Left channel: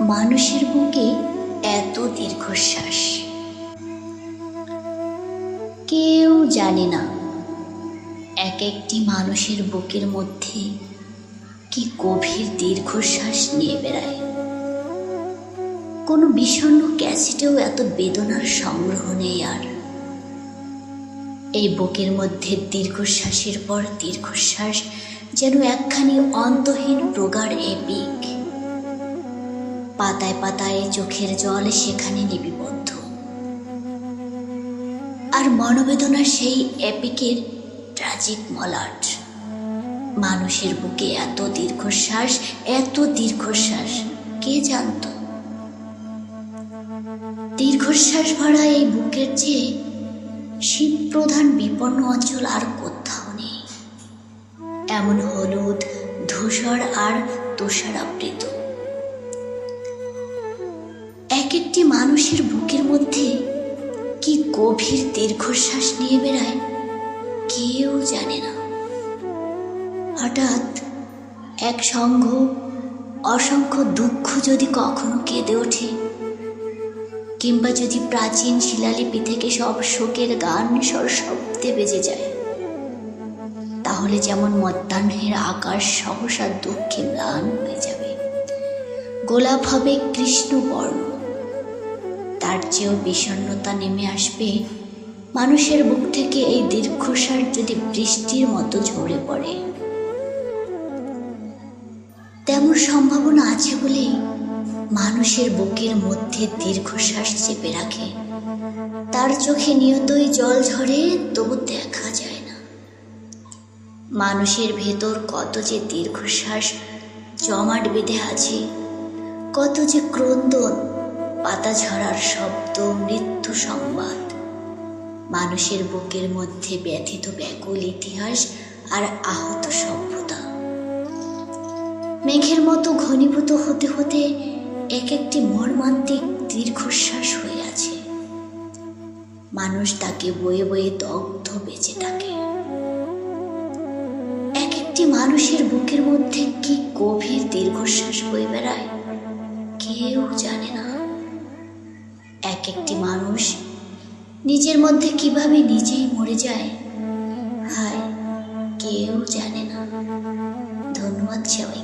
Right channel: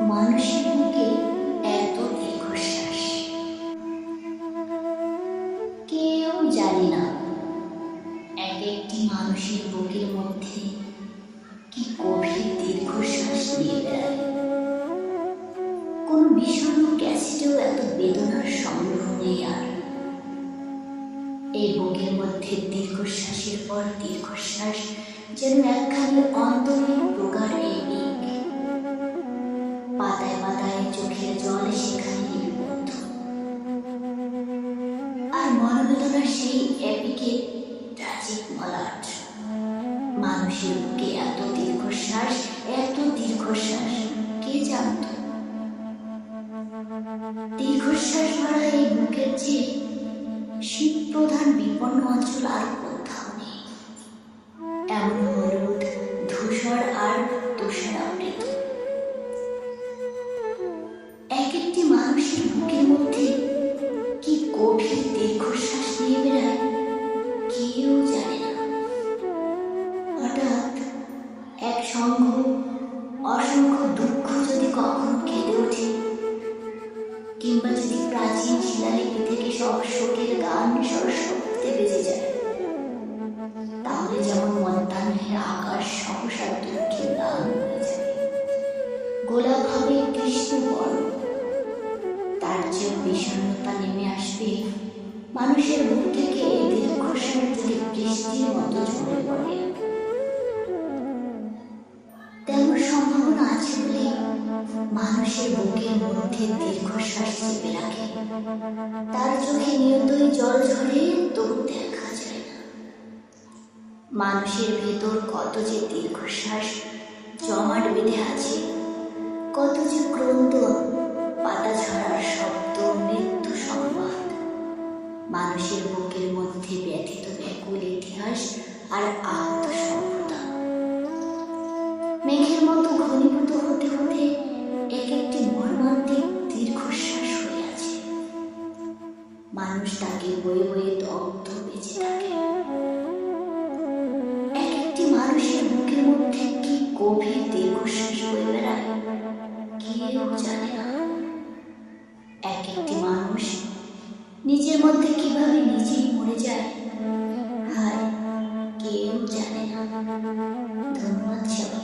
মানুষের বুকে এত দীর্ঘশ্বাস। কেউ জানে না এক একটি মানুষের বুকের মধ্যে কি গভীর দীর্ঘশ্বাস নিয়ে বেড়ায়। কোনো বিষণ্ণ ক্যাসেটেও এত বেদনার সংগ্রহ নেই আর। এই বুকের মধ্যে দীর্ঘশ্বাসের পর দীর্ঘশ্বাস যেন একখানি অন্তহীন চোখের জল সেখানে লিপিবদ্ধ। আর মনোবেদনা সেই এপিকের ট্রাজিক মলাট। মানুষের বুকে এত দীর্ঘশ্বাস এত দীর্ঘশ্বাস, কে জানত? দীর্ঘশ্বাস ভরা এই বুকের চেয়ে শীত প্রধান বিপন্ন অঞ্চল আর কোথাও নেই। এমন হলুদ, ধূসর আর তুষারাবৃত। একটি মানুষের বুকের মধ্যে কি গভীর দীর্ঘশ্বাস নিয়ে বেড়ায়, কেউ জানে না। হঠাৎ এক সঙ্গ অসংখ্য দুঃখ যদি কখনো কেঁদে ওঠে, কিংবা যদি প্রাচীন শিলালিপি থেকে সব শোকের গান শব্দে বেজে যায়, তাহলে যেমন মধ্যাহ্নের আকাশ সহসা দুঃখে ম্লান হয়ে যাবে। গোলাপ হবে কৃষ্ণবর্ণ তার চেয়েও বিষণ্ণতা নেমে আসবে, মানুষের বুক থেকে এই দীর্ঘশ্বাস যদি বৃষ্টির মতো ঝরে পড়ে। তেমন সম্ভাবনা আছে বলে মানুষের বুকের মধ্যে দীর্ঘশ্বাস চেপে রাখে। তার চোখে নিয়তই জল ঝরে, তবু দেখা যায় না। মানুষের ভেতর কত যে দীর্ঘশ্বাস, জমাট বেঁধে আছে, কত যে ক্রন্দন পাতা ঝরার শব্দ, মৃত্যু সংবাদ। মানুষের বুকের মধ্যে ব্যথিত ব্যাকুল ইতিহাস আর আহত সভ্যতা। মেঘের মতো ঘনীভূত হতে হতে এক একটি মর্মান্তিক দীর্ঘশ্বাস হয়ে আছে। মানুষ তাকে বয়ে বয়ে দগ্ধ বেঁচে থাকে। এক একটি মানুষের বুকের মধ্যে কি গভীর দীর্ঘশ্বাস বয়ে বেড়ায়, কেউ জানে না। এক একটি মানুষ নিজের মধ্যে কীভাবে নিজেই মরে যায়, হায়, কেউ জানে না। ধন্যবাদ সবাইকে।